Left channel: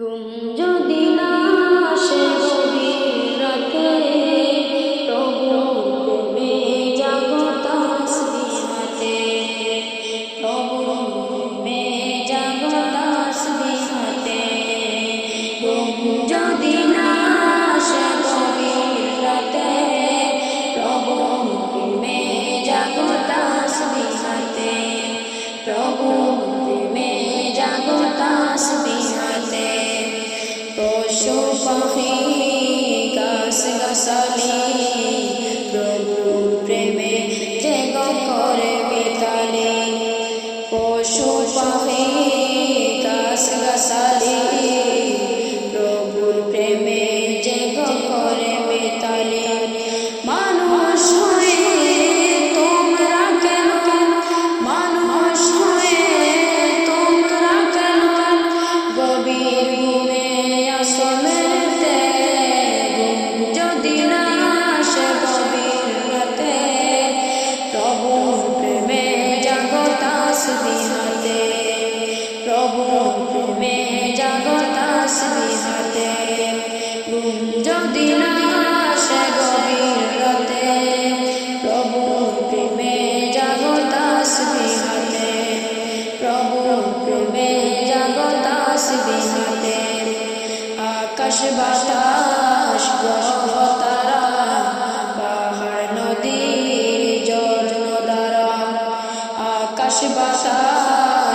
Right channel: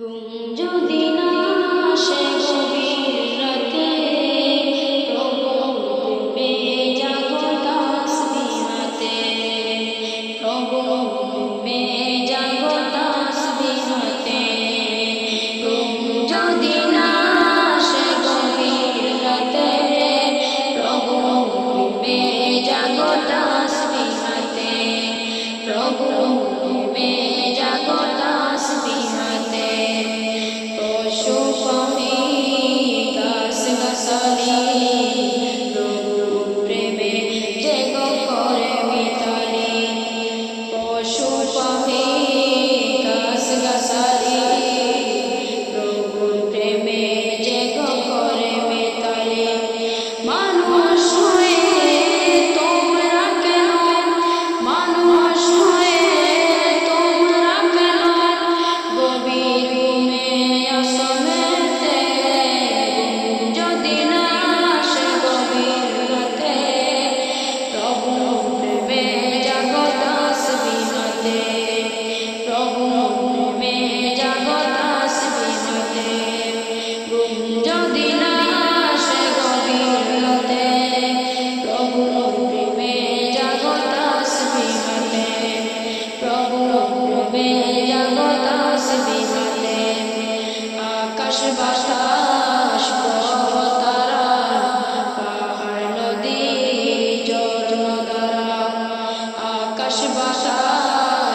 গুম যদি না সে গভীর রাতে পাখি গাছ গাছালি প্রভুর প্রেমে জেগ করে মিতালি পশু পাখি গাছ গাছালি বিহাতে প্রভু প্রেমে জাগতাস বিহাতে ঘুম যদি না আসে গভীর রাতে। প্রভু প্রেমে জাগতাস বিহাতে প্রভু প্রেমে জাগতাস বিহাতে আকাশ বাতাস গ্রহ পাহাড় জর্ণ দ্বারা। আকাশ বাতাস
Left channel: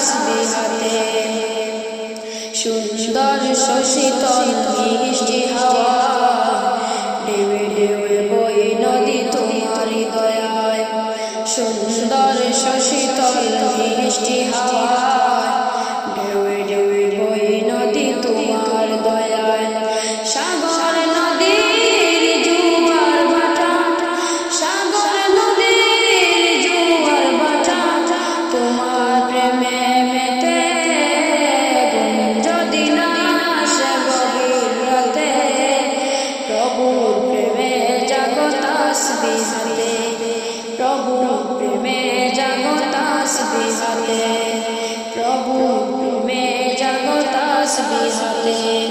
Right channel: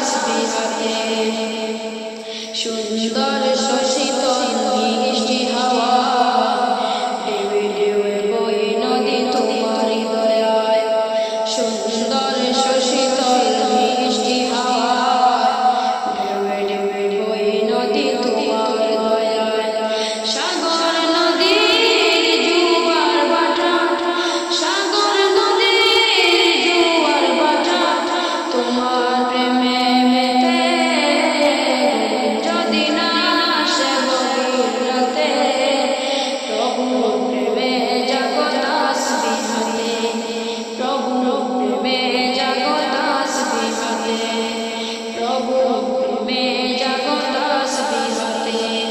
জগতাস বিহাতে সুন্দর শশীতল মিষ্টি হাওয়া। ডেবে ডেবে বই নদী তোমারি দয়ায় সুন্দর শশীতল মিষ্টি হাওয়া। ডেবে ডেবে বই নদী তোমার দয়ায় প্রভু প্রেমে জাগতাস বিহাতে প্রভু প্রেমে জাগতাস বিহাতে প্রভু প্রেমে জাগতাস বিহাতে